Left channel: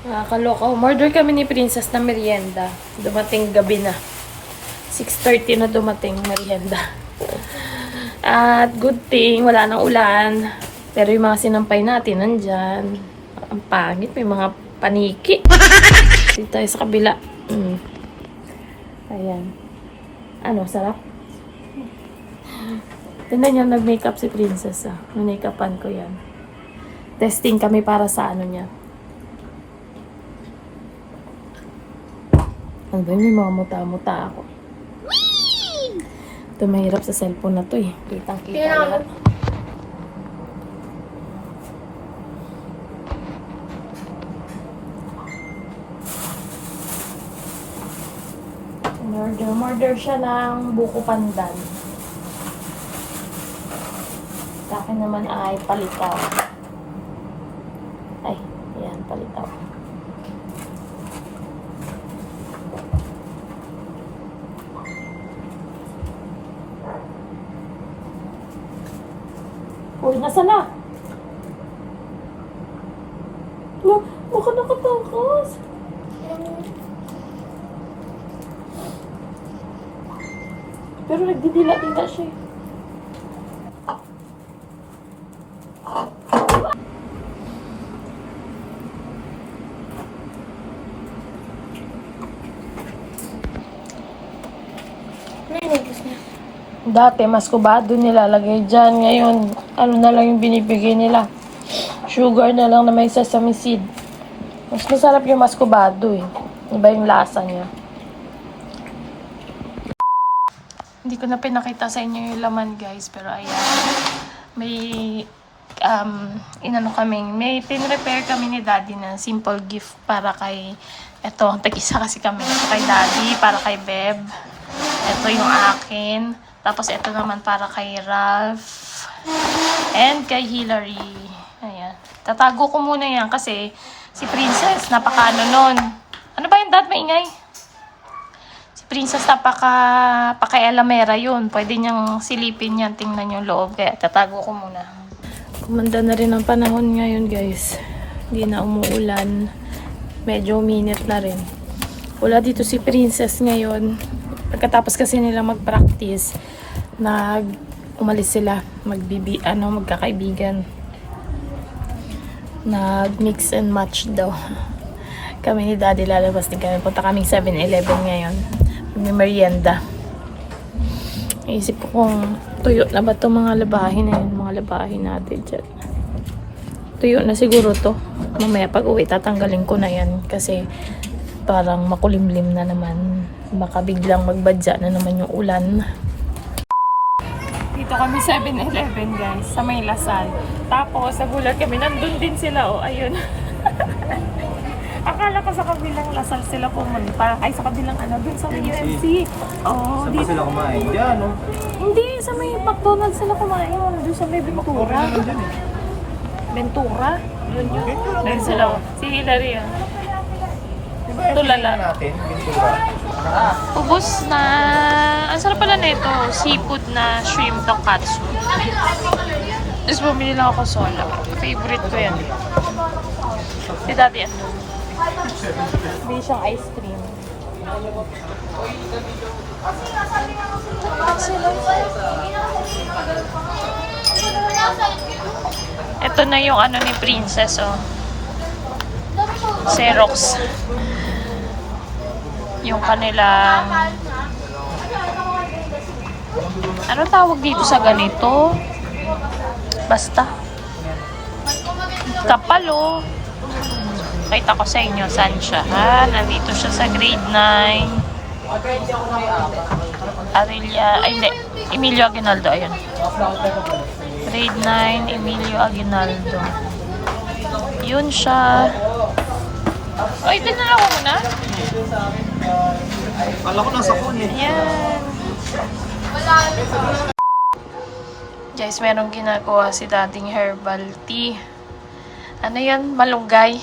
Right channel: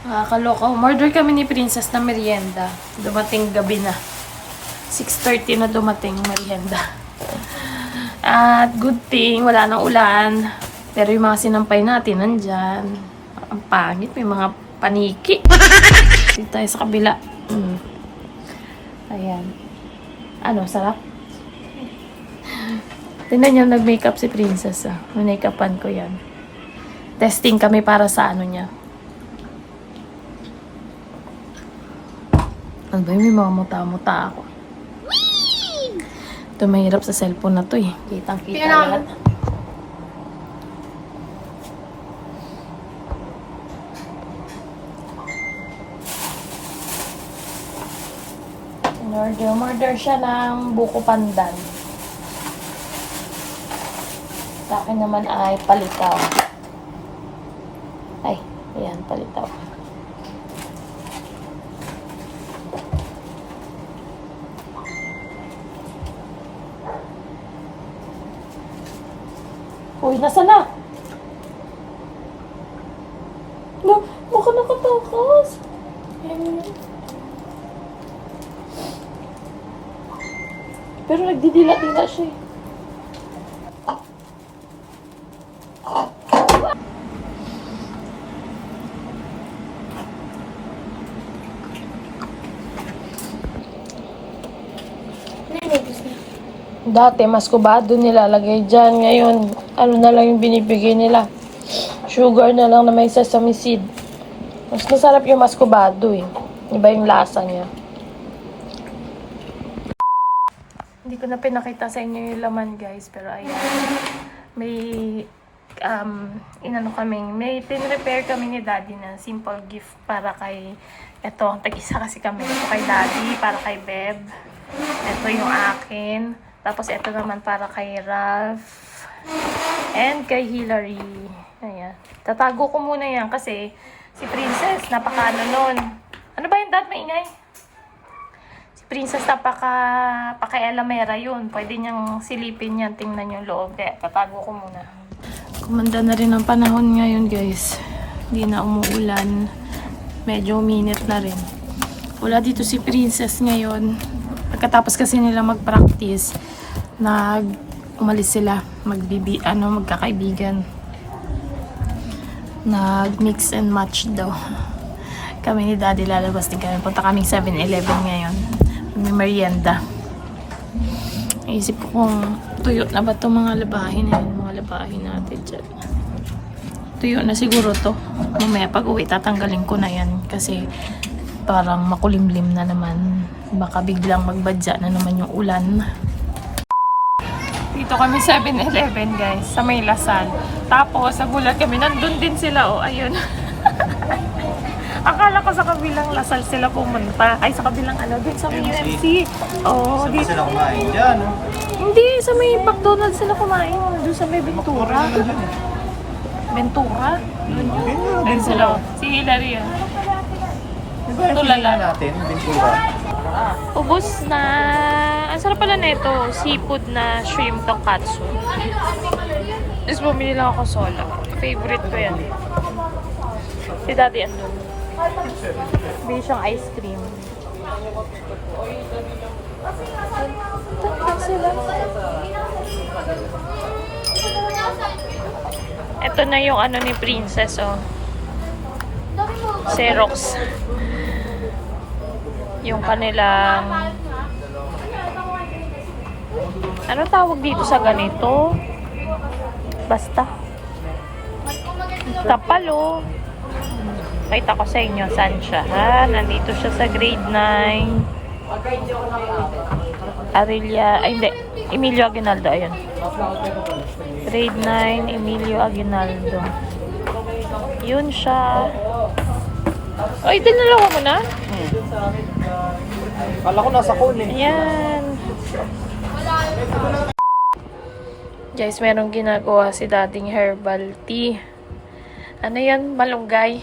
Nakakaloka. Umorder kami ni Princess na merienda. Dumating gabi na. 6.30 na dumating merienda. At good thing, wala nang ulan. Pero yung mga sinampay natin, nandyan. Ang pangit, may mga paniki. Dito tayo sa kabila. Mm. Ayan. Ano, sarap? Tingnan niyo, nag-makeup si Princess. Ah. Make-upan ko yan. Testing kami para sa ano niya. Ano ba yun? May mga muta-muta ako. Ito mahirap sa cellphone na to eh. Kitang-kita Tingnan lahat. Order, order siya ng buko pandan. Sa akin naman ay palitaw. Ay, ayan, palitaw. Uy, nasa na? No, baka nakatakas. Pero nagdidila-dila siya eh. Dati, mas kubado nilalagay dyan. Ngayon, ano na lang yung binibigay nila. Sugar na lang na may sesame seed. Mas masarap yung mas kubado eh. Iba yung lasa niya. Hindi ko na pinakita sa inyo yung laman guys. Pero ayan. May um, inano kaming, may pin-repair kami ni daddy na simple gift para kay, eto, tag-isa kasi kami. Ito kay daddy, para kay Beb. Ito yung akin. Tapos ito naman para kay Ralph. And kay Hillary. Ayan. Tatago ko muna yan kasi si Princess, napaka ano nun. Ano ba yung dad maingay? Si Princess napaka paka-elamera yun. Pwede niyang silipin yan, tingnan yung loob. Kaya tatago ko muna. Kumanda na rin ang panahon ngayon guys. Hindi na umuulan. Medyo minute na rin. Wala dito si Princess ngayon. Pagkatapos kasi nila mag-practice, nag umalis sila, magbibi ano, magkakaibigan. Nag-mix and match daw. Kami ni Daddy lalabas din kami. Punta kaming 7-Eleven ngayon. May merienda. Isip ko kung tuyo na ba itong mga labahin na yun, mga labahin natin dyan. Tuyo na siguro to. Mamaya pag uwi, tatanggalin ko na yan kasi parang makulimlim na naman. Baka biglang magbadya na naman yung ulan. Kami 7-Eleven guys, sa may Lasal. Tapos, nagulat kami, nandun din sila, oh, ayun. Akala ko sa kabilang Lasal sila pumunta. Ay, sa kabilang ano, dun sa may UMC. Oh, Saan ba sila kumain? Diyan, oh. Hindi, sa may McDonald's sila kumain. oh, Doon sa may Ventura. Ventura? Doon yun. Ayun sila. oh. Si Hillary, ah. Tulala. natin, Ventura. Ubus na... Ang sarap pala na ito. Seafood na shrimp tonkatsu. Tapos bumili lang ako sola. Favorite ko yan. Si daddy ano? Bili siyang ice cream. Taktak sila. Ito na yung ano ni Princess, oh. Xerox yung kanilang ano tawag dito sa ganito? Basta. Kapal oh. Kita ko sa inyo saan siya. Ha? Nandito siya sa grade 9. Arelia, ay hindi. Emilio Aguinaldo, ayan. Grade 9, Emilio Aguinaldo. Yun siya. Ay, dinala ko mo na? Kala ko nasa cone eh. Ayan. Guys, merong ginagawa si dating herbal tea. Ano yan? Malunggay.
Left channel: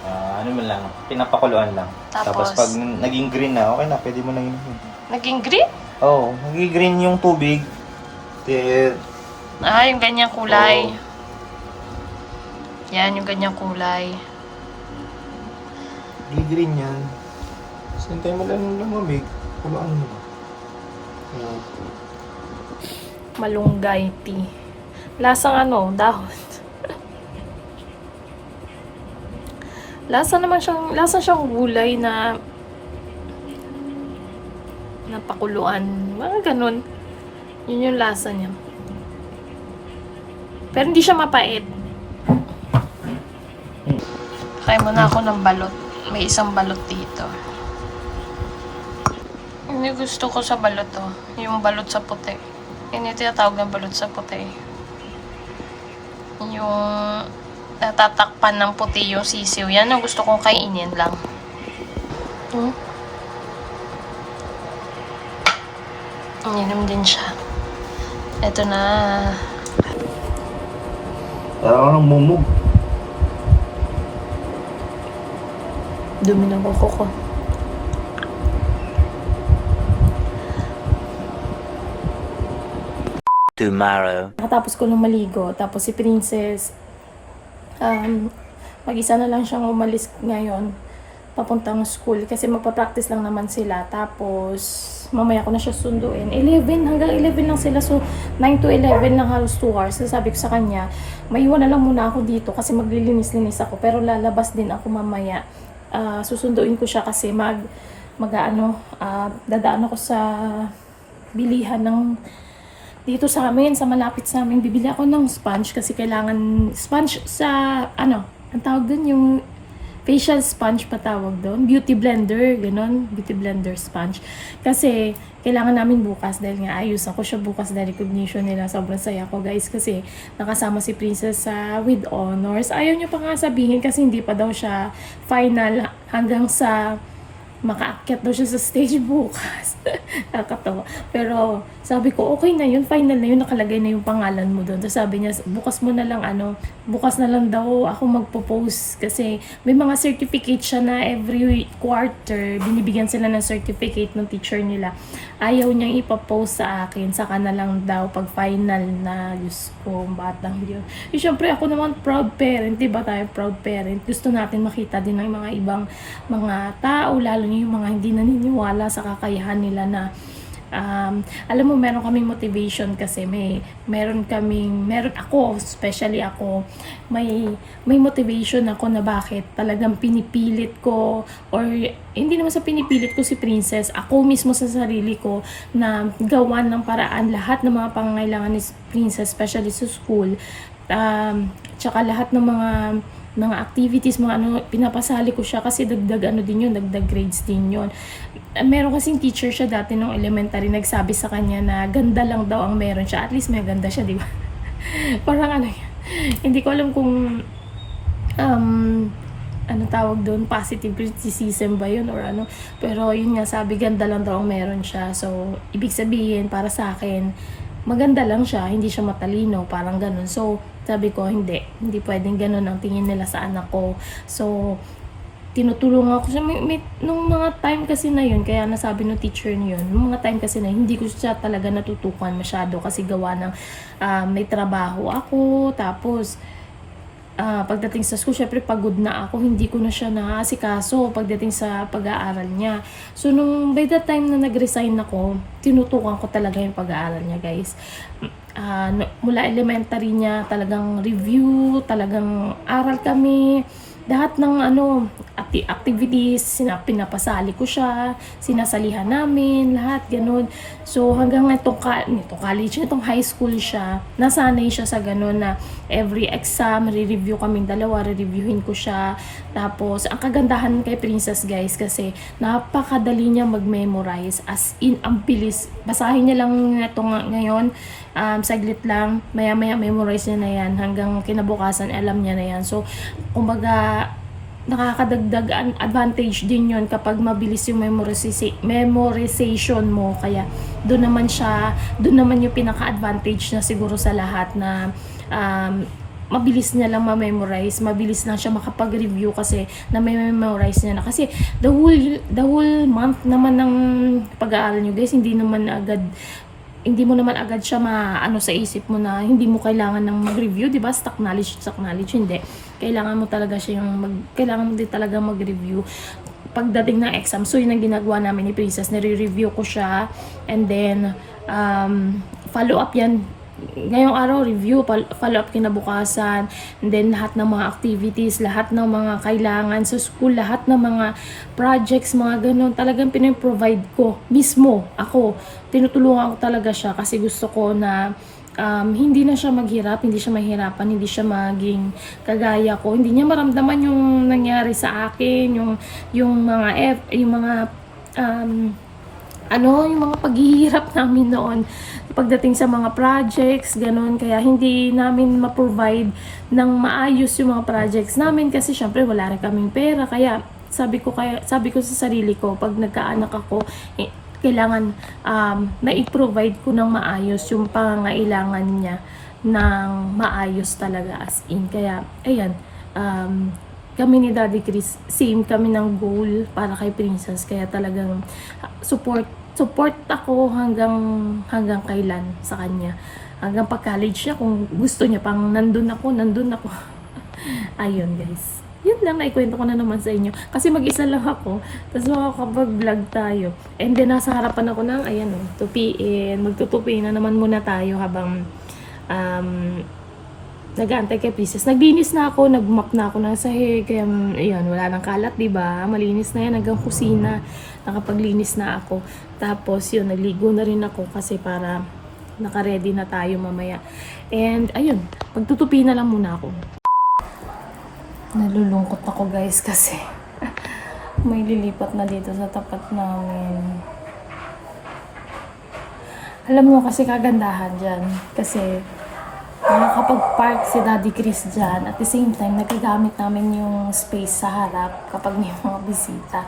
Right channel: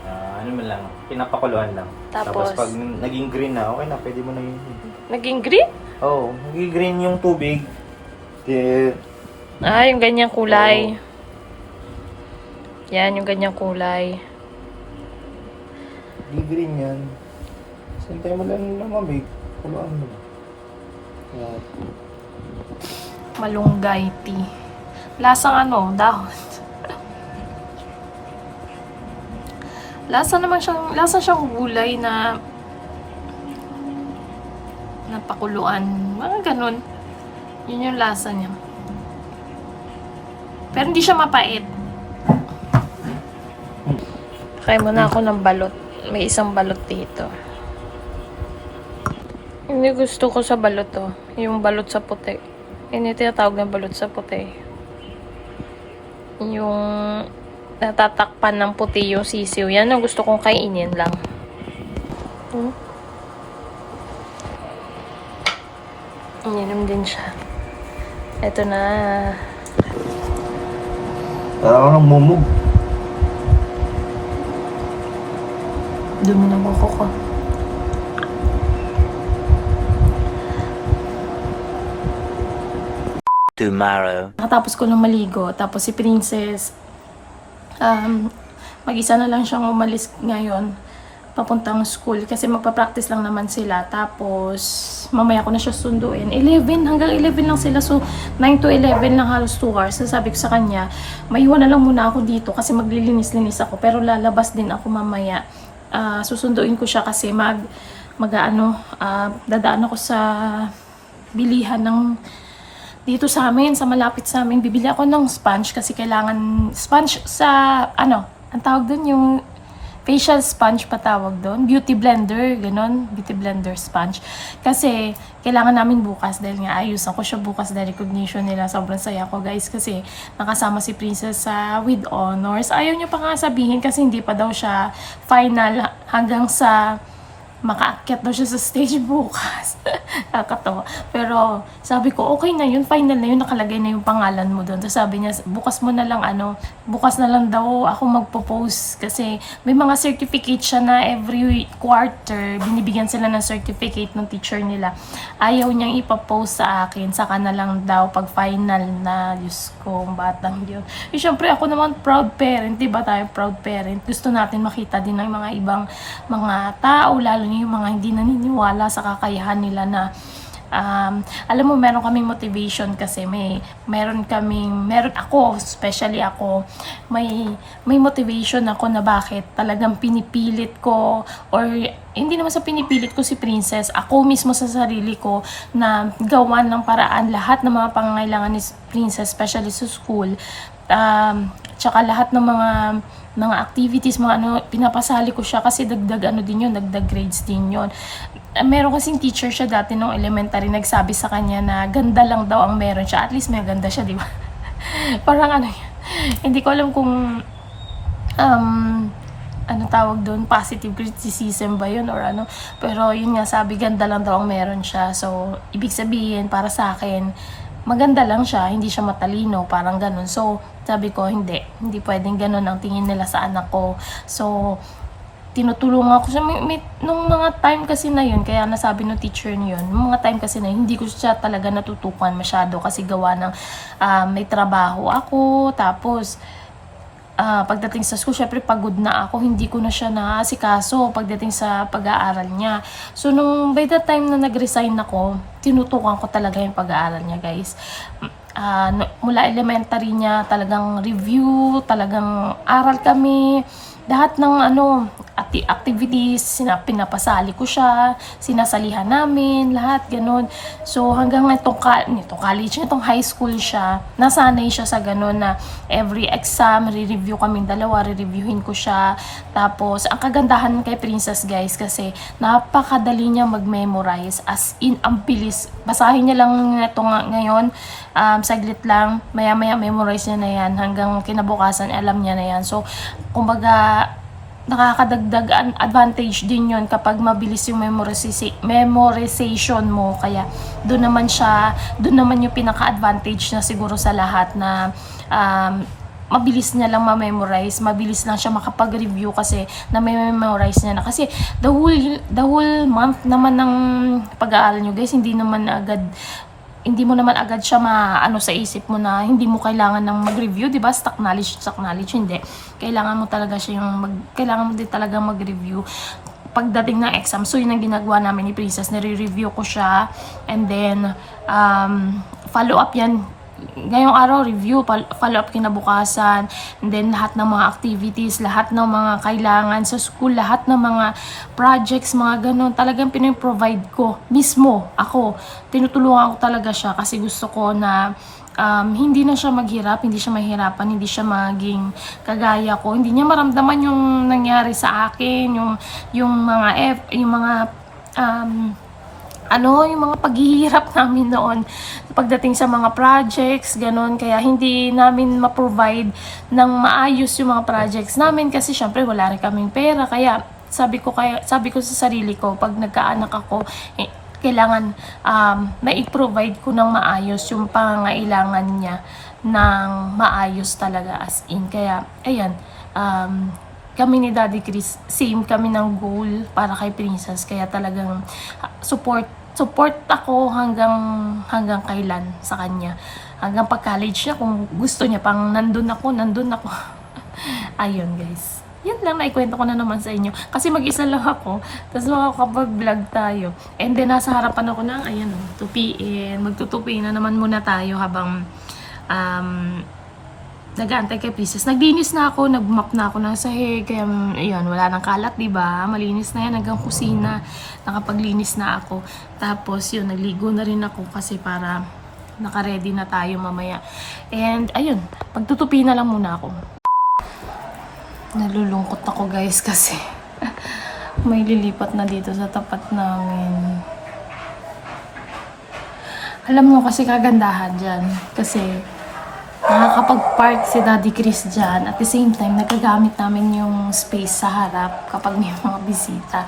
Ah, ano mo lang, pinapakuluan lang. Tapos? pag naging green na, okay na, pwede mo na yun. Naging green? Oo, oh, naging green yung tubig. Then, Ah, yung ganyang kulay. Yan, yung ganyang kulay. Di green yan. Sintay mo lang yung lamamig. Kuluan mo na. Kaya, Malunggay tea. Lasang ano, dahon. lasa naman siyang, lasa siyang gulay na napakuluan. Mga ganun. Yun yung lasa niya. Pero hindi siya mapait. Kaya muna ako ng balot. May isang balot dito. Hindi gusto ko sa balot to. Yung balot sa puti. Yun yung tinatawag na balot sa puti. Yung natatakpan ng puti yung sisiw. Yan ang gusto kong kainin lang. Hmm? Ininom din siya. Ito na. parang kang mumug. Dumi ng buko ko. Tomorrow. Nakatapos ko nung maligo. Tapos si Princess, um, mag-isa na lang siyang umalis ngayon papuntang school kasi magpa-practice lang naman sila. Tapos, mamaya ko na siya sunduin. 11, hanggang 11 lang sila. So, 9 to 11 lang halos 2 hours. So, sabi ko sa kanya, maiwan na lang muna ako dito kasi maglilinis-linis ako. Pero lalabas din ako mamaya. Ah, susunduin ko siya kasi mag, mag ano, ah, dadaan ako sa bilihan ng dito sa amin, sa malapit sa amin, bibili ako ng sponge kasi kailangan sponge sa, ano, ang tawag dun yung facial sponge pa tawag doon. Beauty blender, ganon. Beauty blender sponge. Kasi, kailangan namin bukas dahil nga ayos ako siya bukas dahil recognition nila. Sobrang saya ko guys kasi nakasama si Princess sa with honors. Ayaw niya pa nga sabihin kasi hindi pa daw siya final hanggang sa makaakyat daw siya sa stage bukas. Nakakatawa. Pero sabi ko, okay na yun, final na yun, nakalagay na yung pangalan mo doon. Tapos sabi niya, bukas mo na lang ano, bukas na lang daw ako magpo-post kasi may mga certificate siya na every quarter, binibigyan sila ng certificate ng teacher nila. Ayaw niyang ipapost sa akin, saka na lang daw pag final na, Diyos ko, ang batang yun. Eh, syempre ako naman proud parent, di ba tayo proud parent? Gusto natin makita din ng mga ibang mga tao, lalo yung mga hindi naniniwala sa kakayahan nila na um, alam mo meron kaming motivation kasi may meron kaming meron ako especially ako may may motivation ako na bakit talagang pinipilit ko or hindi naman sa pinipilit ko si Princess ako mismo sa sarili ko na gawan ng paraan lahat ng mga pangangailangan ni Princess especially sa school. Um, tsaka lahat ng mga mga activities, mga ano, pinapasali ko siya kasi dagdag ano din yun, dagdag grades din yun. Meron kasing teacher siya dati nung elementary, nagsabi sa kanya na ganda lang daw ang meron siya. At least may ganda siya, di ba? Parang ano, hindi ko alam kung um, ano tawag doon, positive criticism ba yun or ano. Pero yun nga, sabi ganda lang daw ang meron siya. So, ibig sabihin, para sa akin, maganda lang siya, hindi siya matalino, parang ganun. So, sabi ko, hindi. Hindi pwedeng ganun ang tingin nila sa anak ko. So, tinutulungan ko siya. May, may, nung mga time kasi na yun, kaya nasabi ng teacher niyon, nung mga time kasi na yun, hindi ko siya talaga natutukan masyado kasi gawa ng ah, may trabaho ako, tapos ah, pagdating sa school, syempre pagod na ako, hindi ko na siya naasikaso pagdating sa pag-aaral niya. So, nung by the time na nag-resign ako, tinutukan ko talaga yung pag-aaral niya, guys. No- mula elementary niya, talagang review, talagang aral kami, lahat ng ano, acti- activities, sina, pinapasali ko siya, sinasalihan namin, lahat ganun. So hanggang itong, itong college, itong high school siya, nasanay siya sa ganun na every exam, re-review kaming dalawa, re-reviewin ko siya. Tapos, ang kagandahan kay Princess guys, kasi napakadali niya mag-memorize, as in, ang bilis. Basahin niya lang ito nga ngayon, um, saglit lang, maya-maya memorize niya na yan, hanggang kinabukasan, alam niya na yan. So, kumbaga, nakakadagdag an- advantage din yon kapag mabilis yung memorization, mo. Kaya, doon naman siya, doon naman yung pinaka-advantage niya siguro sa lahat na um, mabilis niya lang ma-memorize, mabilis lang siya makapag-review kasi na may memorize niya na. Kasi the whole, the whole month naman ng pag-aaral nyo guys, hindi naman agad hindi mo naman agad siya maano sa isip mo na hindi mo kailangan ng mag-review, 'di ba? Stock knowledge, stock knowledge hindi. Kailangan mo talaga siya yung mag, kailangan mo din talaga mag-review pagdating ng exam. So, yun ang ginagawa namin ni Princess. Nire-review ko siya. And then, um, follow up yan. Ngayong araw, review, follow up kinabukasan. And then, lahat ng mga activities, lahat ng mga kailangan sa school, lahat ng mga projects, mga ganun. Talagang piniprovide ko. Mismo, ako. Tinutulungan ko talaga siya kasi gusto ko na um, hindi na siya maghirap, hindi siya mahirapan, hindi siya maging kagaya ko. Hindi niya maramdaman yung nangyari sa akin, yung yung mga F, yung mga um, ano, yung mga paghihirap namin noon pagdating sa mga projects, ganun. Kaya hindi namin ma-provide ng maayos yung mga projects namin kasi syempre wala rin kaming pera. Kaya sabi ko kaya sabi ko sa sarili ko pag nagkaanak ako eh, kailangan um, mai-provide ko ng maayos yung pangangailangan niya ng maayos talaga as in. Kaya, ayan, um, kami ni Daddy Chris, same kami ng goal para kay Princess. Kaya talagang ah, support support ako hanggang hanggang kailan sa kanya. Hanggang pag-college niya, kung gusto niya pang nandun ako, nandun ako. Ayun guys. Yan lang, naikwento ko na naman sa inyo. Kasi mag-isa lang ako. Tapos makakapag-vlog tayo. And then, nasa harapan ako ng, ayan o, tupiin. Magtutupi na naman muna tayo habang um, nag-aantay kay Princess. Naglinis na ako, nag-map na ako ng sahig. Kaya, um, ayan, wala nang kalat, di ba? Malinis na yan hanggang kusina. Nakapaglinis na ako. Tapos, yun, nagligo na rin ako kasi para naka-ready na tayo mamaya. And, ayun, pagtutupi na lang muna ako. Nalulungkot ako guys kasi may lilipat na dito sa tapat namin. Alam mo kasi kagandahan dyan. Kasi nakakapag-park si Daddy Chris dyan. At the same time, nagagamit namin yung space sa harap kapag may mga bisita.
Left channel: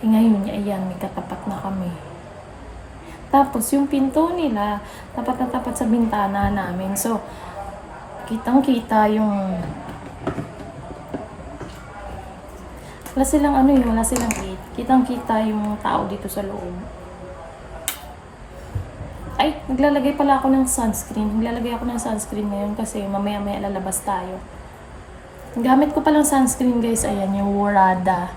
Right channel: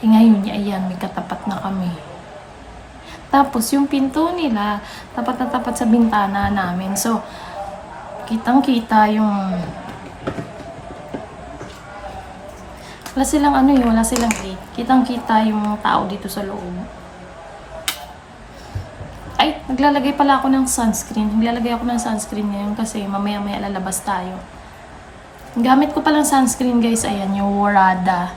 Eh ngayon, ayan, may katapat na kami. Tapos yung pinto nila, tapat na tapat sa bintana namin. So, kitang-kita yung Wala silang ano yun, wala silang gate. Kitang-kita yung tao dito sa loob. Ay, naglalagay pala ako ng sunscreen. Naglalagay ako ng sunscreen ngayon kasi mamaya-maya lalabas tayo. Gamit ko palang sunscreen guys, ayan, yung Urada.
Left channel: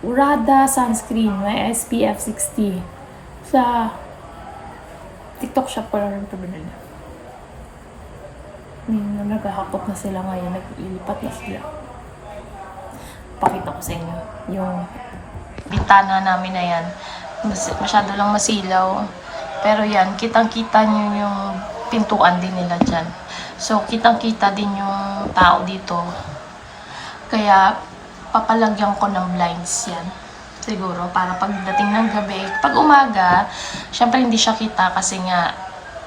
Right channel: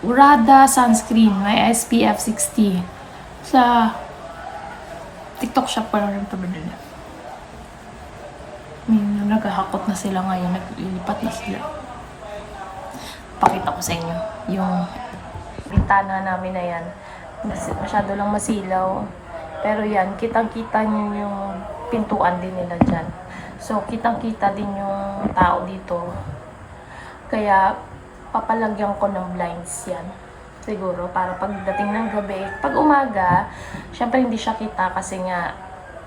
Urada sunscreen, may SPF 60. Sa TikTok shop pa rin ito binili. Hmm, naghahakot na sila ngayon, naglilipat na sila pakita ko sa inyo yung bintana namin na yan. Mas, masyado lang masilaw. Pero yan, kitang-kita nyo yung pintuan din nila dyan. So, kitang-kita din yung tao dito. Kaya, papalagyan ko ng blinds yan. Siguro, para pagdating ng gabi, pag umaga, syempre hindi siya kita kasi nga,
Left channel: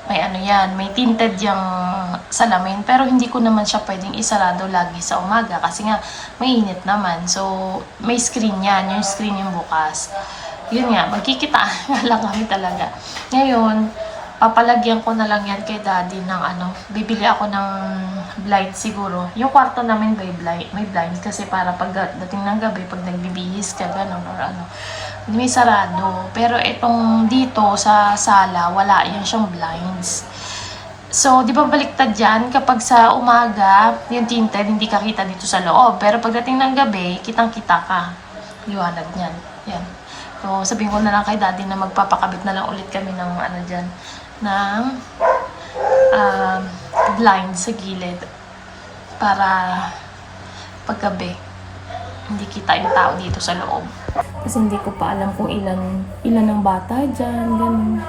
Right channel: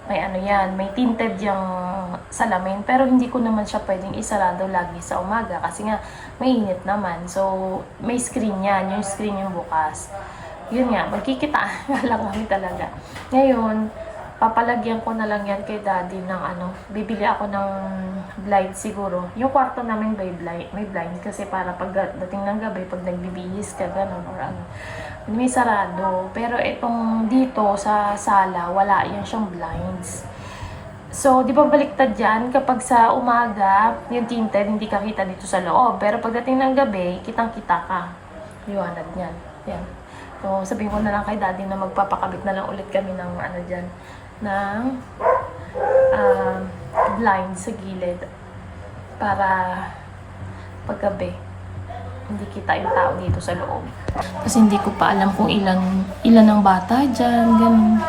may ano yan, may tinted yung salamin. Pero hindi ko naman siya pwedeng isarado lagi sa umaga kasi nga mainit naman. So, may screen yan. Yung screen yung bukas. Yun nga, magkikita lang kami talaga. Ngayon, papalagyan ko na lang yan kay daddy ng ano, bibili ako ng blind siguro. Yung kwarto namin may blind, may blind kasi para pagdating ng gabi, pag nagbibihis ka, ganun, or ano, may sarado. Pero itong dito sa sala, wala yan siyang blinds. So, di ba baliktad yan? Kapag sa umaga, yung tinted, hindi ka kita dito sa loob. Pero pagdating ng gabi, kitang-kita ka. Liwanag niyan. Yan. So, sabihin ko na lang kay daddy na magpapakabit na lang ulit kami ng ano dyan, ng um, blind sa gilid para paggabi hindi kita yung tao dito sa loob. Kasi hindi ko pa alam kung ilan ilan ang bata dyan, ganun.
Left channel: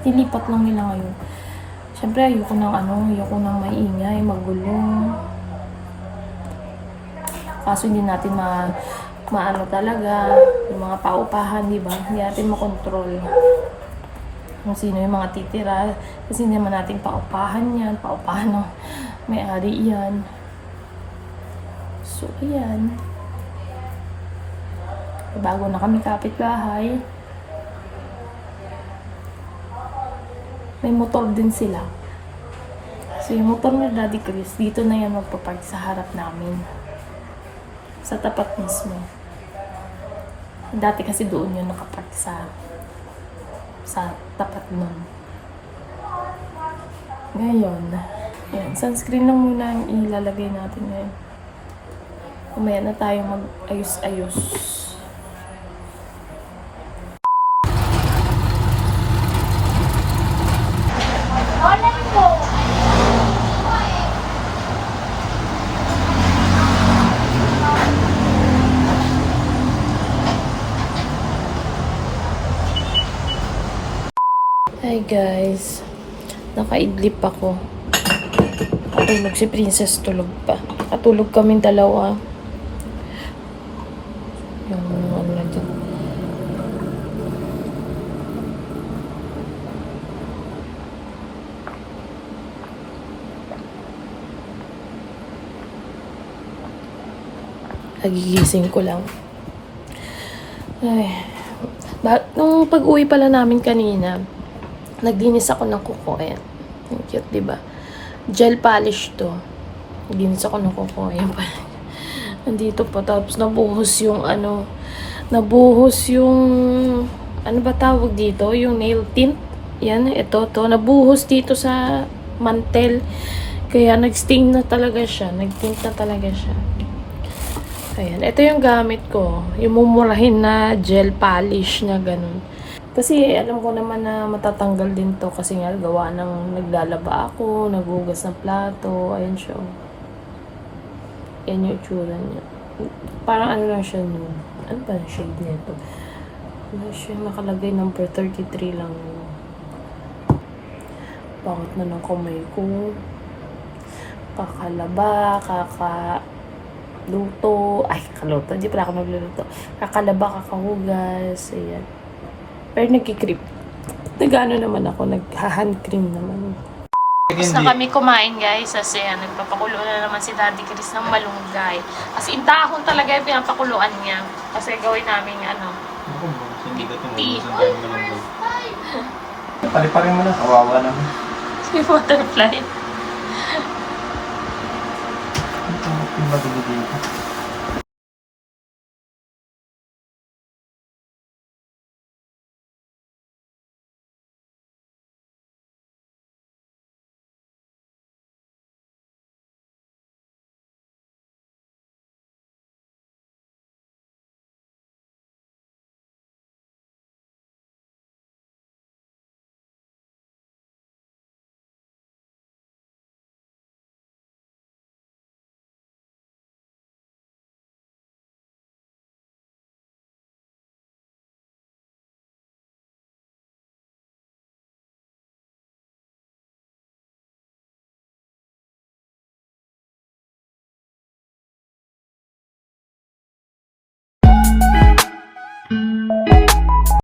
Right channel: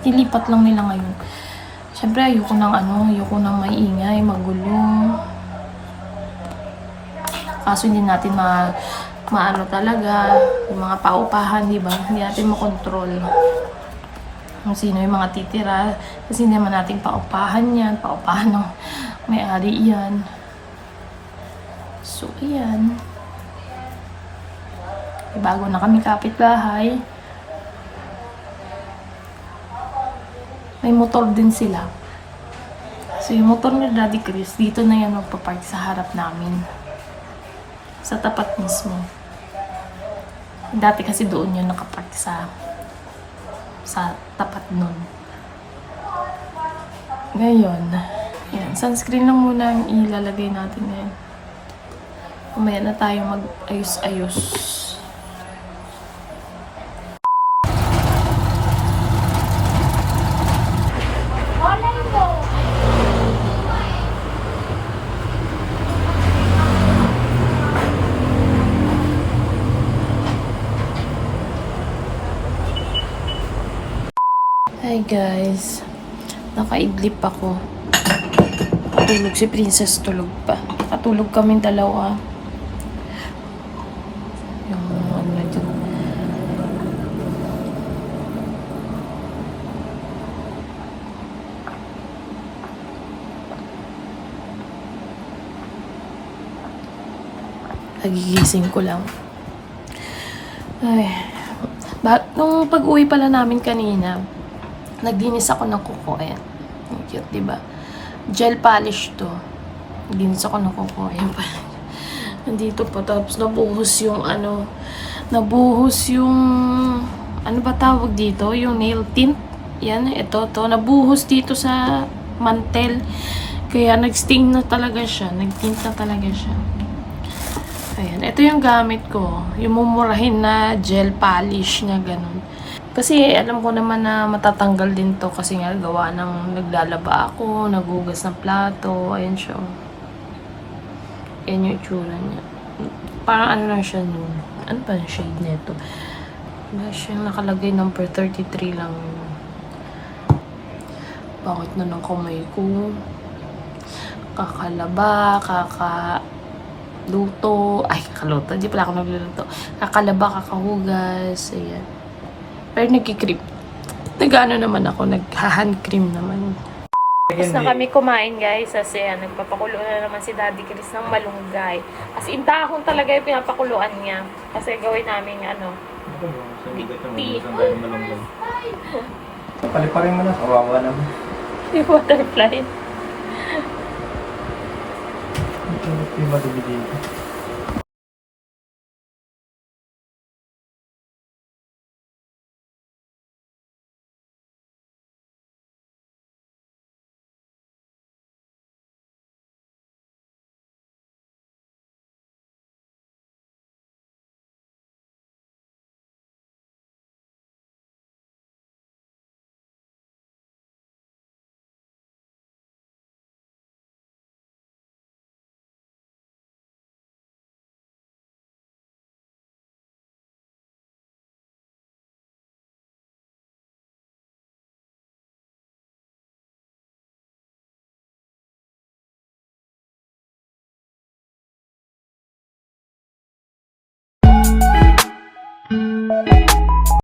Tilipat lang nila ngayon. Siyempre, ayoko ng ano, ayoko ng maingay, magulo. Kaso hindi natin ma maano talaga, yung mga paupahan, di ba? Hindi natin makontrol kung sino yung mga titira. Kasi hindi naman natin paupahan yan, paupahan ng may-ari yan. So, ayan. Eh, bago na kami kapitbahay. May motor din sila. So, yung motor ni Daddy Chris, dito na yan magpapark sa harap namin. Sa tapat mismo. Dati kasi doon yun nakapark sa sa tapat nun. Ngayon, yan, sunscreen lang muna ang ilalagay natin ngayon. Mamaya na tayo mag-ayos-ayos. Hi guys. Nakaidlip ako. Natulog si Princess tulog pa. Katulog kaming dalawa. Yung ano na dyan. Nagigising ko lang. Ay. Ba nung pag-uwi pala namin kanina, nagdinis ako ng kuko. Ayan. Ang cute, di ba? Gel polish to. Nagdinis ako ng kuko. Ayan pa. Nandito pa. Tapos nabuhos yung ano, nabuhos yung, ano ba tawag dito? Yung nail tint. Yan, ito, to. Nabuhos dito sa mantel. Kaya nag-stain na talaga siya. Nag-tint na talaga siya. Ayan, ito yung gamit ko. Yung mumurahin na gel polish na ganun. Kasi alam ko naman na matatanggal din to kasi nga gawa ng naglalaba ako, nagugas ng plato, ayan siya. Ayan yung itsura niya. Parang ano lang siya nun. Ano ba yung shade nito? Wala siyang nakalagay number 33 lang. Bakit na ng kamay ko? Kakalaba, kaka luto. Ay, kakaluto. Hindi pala ako nagluluto. Kakalaba, kakahugas. Ayan. Pero nagkikrim. Nag-ano naman ako. Nag-hand cream naman. Tapos na kami kumain guys. Kasi ayan, nagpapakulo na naman si Daddy Chris ng malunggay. As in, dahon talaga yung pinapakuluan niya. Kasi gawin namin ano. Tea. Paliparin mo na, kawawa naman. Si butterfly. Tulog yung madumi dito.